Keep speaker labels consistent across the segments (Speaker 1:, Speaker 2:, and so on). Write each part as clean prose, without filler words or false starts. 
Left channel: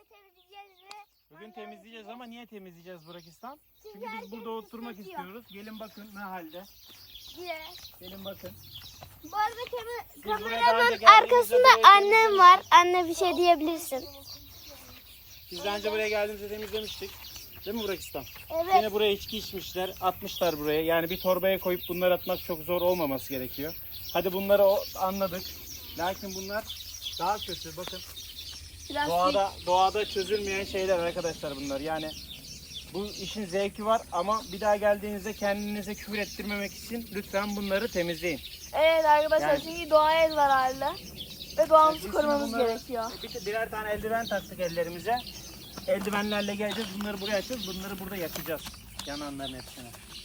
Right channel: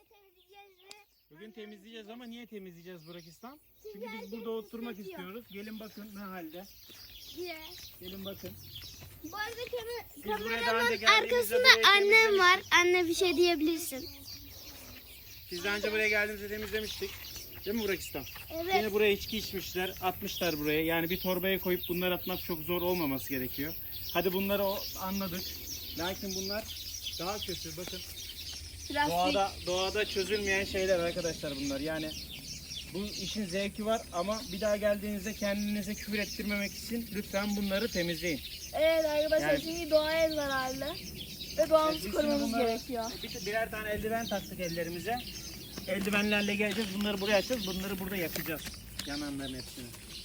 Speaker 1: temizleyeceğiz ve
Speaker 2: Bugün temizleyeceğiz ama niye temizleyeceğiz Burakistan?
Speaker 1: Çünkü
Speaker 2: Çünkü biz
Speaker 1: herkes
Speaker 2: burada oturmak
Speaker 1: istiyor.
Speaker 2: istiyoruz. Gelin bakın ne halde.
Speaker 1: diye.
Speaker 2: Gelin bakın.
Speaker 1: Bu arada
Speaker 2: buraya daha önce
Speaker 1: kameranın
Speaker 2: geldiğimizde
Speaker 1: arkasında
Speaker 2: burayı
Speaker 1: annem
Speaker 2: temizlemiştik.
Speaker 1: var. Anne bir şey diyebilirsin.
Speaker 2: Biz daha önce buraya geldiğimizde temizlemiştik. Değil mi Burakistan?
Speaker 1: Evet.
Speaker 2: Yine buraya içki içmişler, atmışlar buraya. Yani bir torbaya koyup bunları atmak çok zor olmaması gerekiyor. Hadi bunları anladık. Lakin bunlar daha kötü. Bakın doğada çözülmeyen şeyler arkadaşlar bunlar. Yani bu işin zevki var ama bir daha geldiğinizde kendinize küfür ettirmemek için lütfen bunları temizleyin.
Speaker 3: Evet arkadaşlar
Speaker 2: Yani-
Speaker 3: çünkü doğaya zararlı ve doğamızı
Speaker 2: Biz
Speaker 3: korumamız
Speaker 2: bunları-
Speaker 3: gerekiyor.
Speaker 2: Birer tane eldiven taktık ellerimize. Eldivenlerle geleceğiz. Bunları buraya açacağız. Bunları burada yakacağız. Yananların hepsini.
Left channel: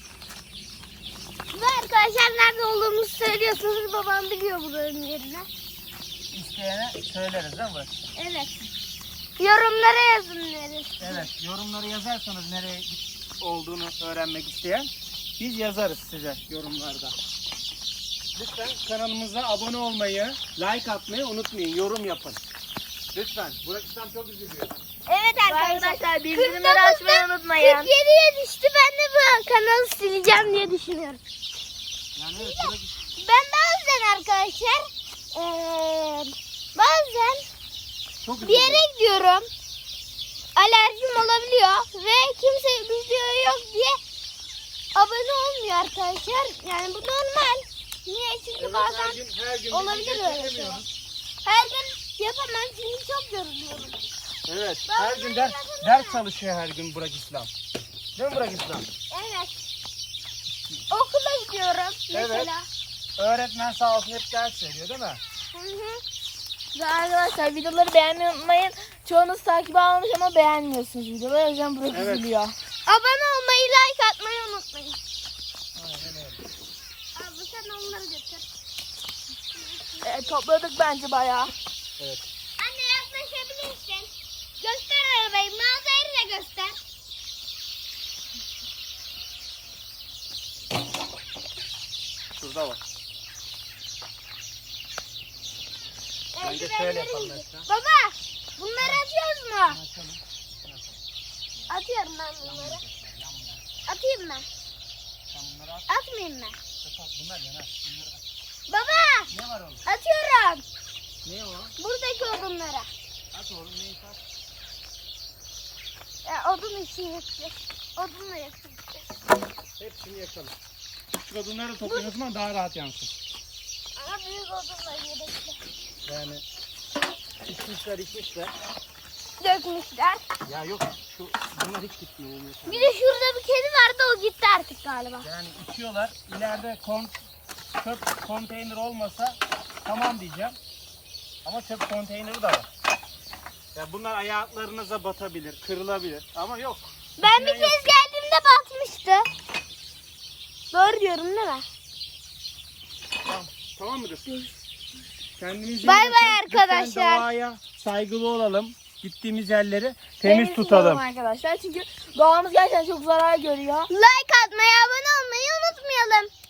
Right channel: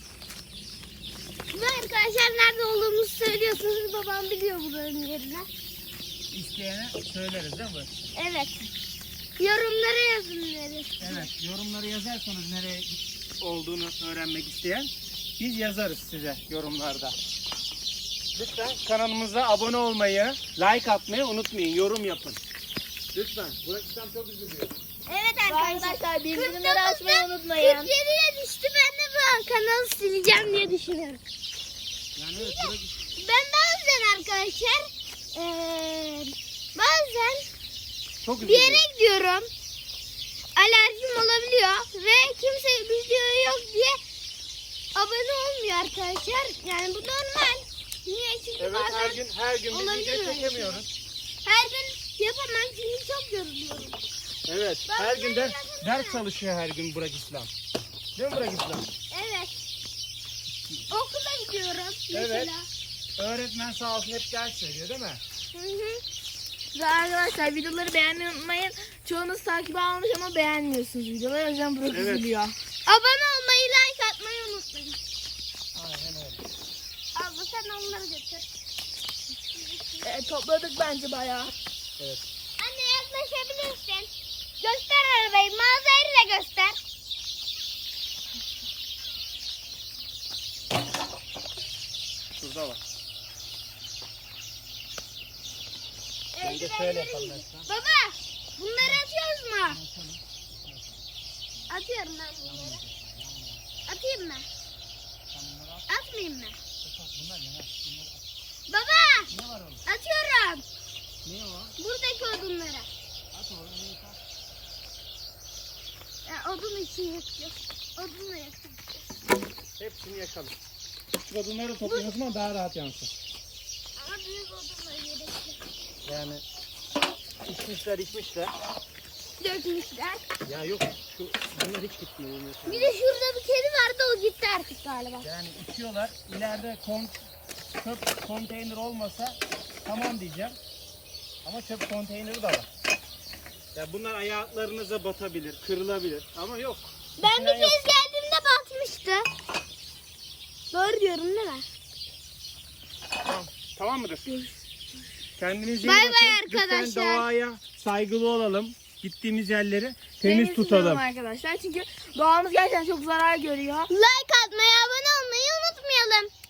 Speaker 1: Ve arkadaşlar nerede olduğumuzu söylüyorsunuz. Babam biliyor buranın yerini.
Speaker 2: İsteyene söyleriz değil mi Burak?
Speaker 1: Evet. Yorumlara yazın neresi.
Speaker 2: Evet. Yorumları yazarsanız nereye olduğunu öğrenmek isteyen biz yazarız size yorumlarda. Lütfen kanalımıza abone olmayı, like atmayı unutmayın. Yorum yapın. Lütfen. Burakistan çok üzülüyor.
Speaker 1: Evet arkadaşlar.
Speaker 3: Arkadaşlar bildirimleri açmayı
Speaker 1: 49'dan
Speaker 3: unutmayın.
Speaker 1: 47'ye düştü. Ben de bu kanalı sileceğim diye düşünüyorum.
Speaker 2: Yani evet
Speaker 1: Ben bazen arkadaşlar bazen
Speaker 2: çok
Speaker 1: bir
Speaker 2: üzülüyor.
Speaker 1: yere gidiyorum. Alerjim olabiliyor ve kimse video yok diye abone olmuyor arkadaşlar. Yani bu normal. Niye? Çünkü
Speaker 2: Evet
Speaker 1: bazen
Speaker 2: her gün bir
Speaker 1: olabilir
Speaker 2: video
Speaker 1: öyle
Speaker 2: çekemiyoruz.
Speaker 1: her gün yapamam çünkü çok yoruluyorum.
Speaker 2: Evet.
Speaker 1: Ben
Speaker 2: Her gün
Speaker 1: bunları
Speaker 2: ders çalışıyor her gün Burak İslam. Değil mi Burak İslam?
Speaker 1: Evet. Okula gidiyorum mesela.
Speaker 2: Öğretmen sağ olsun hep ders veriyor değil mi?
Speaker 1: Hı hı.
Speaker 3: Ve arkadaşlar videoları beğenmeyi unutmayın. Çoğunuz takip almış ama beğenmiyorsunuz videoları. O yüzden Burak
Speaker 2: Evet.
Speaker 3: üzülüyor.
Speaker 1: Abone olmayı, like atmayı unutmayın. Abla sen onları götür.
Speaker 3: Topladık bence bayağı.
Speaker 2: Evet.
Speaker 1: Anne yaklaşabilirsin. Göster arabayı, mağazayı da göster.
Speaker 2: Şurada var. Bence
Speaker 1: Eldivenleri
Speaker 2: şöyle yapalım
Speaker 1: giy.
Speaker 2: Esra.
Speaker 1: Baba, bunları atıyoruz mu? Atıyorum ben bunları. Atayım mı? Atmayayım mı?
Speaker 2: Bunlar yanar. Bunları at.
Speaker 1: Baba,
Speaker 2: Ne var oğlum?
Speaker 1: atıyorum.
Speaker 2: Ne o?
Speaker 1: Buradaki odunları.
Speaker 2: At oğlum neyse at.
Speaker 1: Odun için yakıyor. Odunla yakıyor.
Speaker 2: Hepsini yakalım. Küçük odunları toplayın o zaman daha rahat yansın.
Speaker 1: Ama büyük odunla gerekli.
Speaker 2: Yani içmişler.
Speaker 1: Dökmüşler.
Speaker 2: Ya yok bunlar hiç gitmiyor.
Speaker 1: Bir de şurada bir kedi vardı, o gitti artık galiba.
Speaker 2: Yani içiyorlar. İleride çöp konteyner olmasa tamam diyeceğim. Ama çöp konteyneri de var. Ya bunlar ayaklarınıza batabilir, kırılabilir ama yok.
Speaker 1: Ben bir
Speaker 2: İçinden
Speaker 1: kez
Speaker 2: yok.
Speaker 1: geldiğimde batmıştı. Doğru diyorum değil mi?
Speaker 2: Tamam mıdır? Kendinize iyi
Speaker 1: Bay
Speaker 2: bakın.
Speaker 1: bay
Speaker 2: Lütfen
Speaker 1: arkadaşlar.
Speaker 2: doğaya saygılı olalım. Gittiğimiz yerleri temiz tutalım.
Speaker 3: Arkadaşlar çünkü doğamız gerçekten çok zarar görüyor.
Speaker 1: Like atmayı, abone olmayı unutmayalım.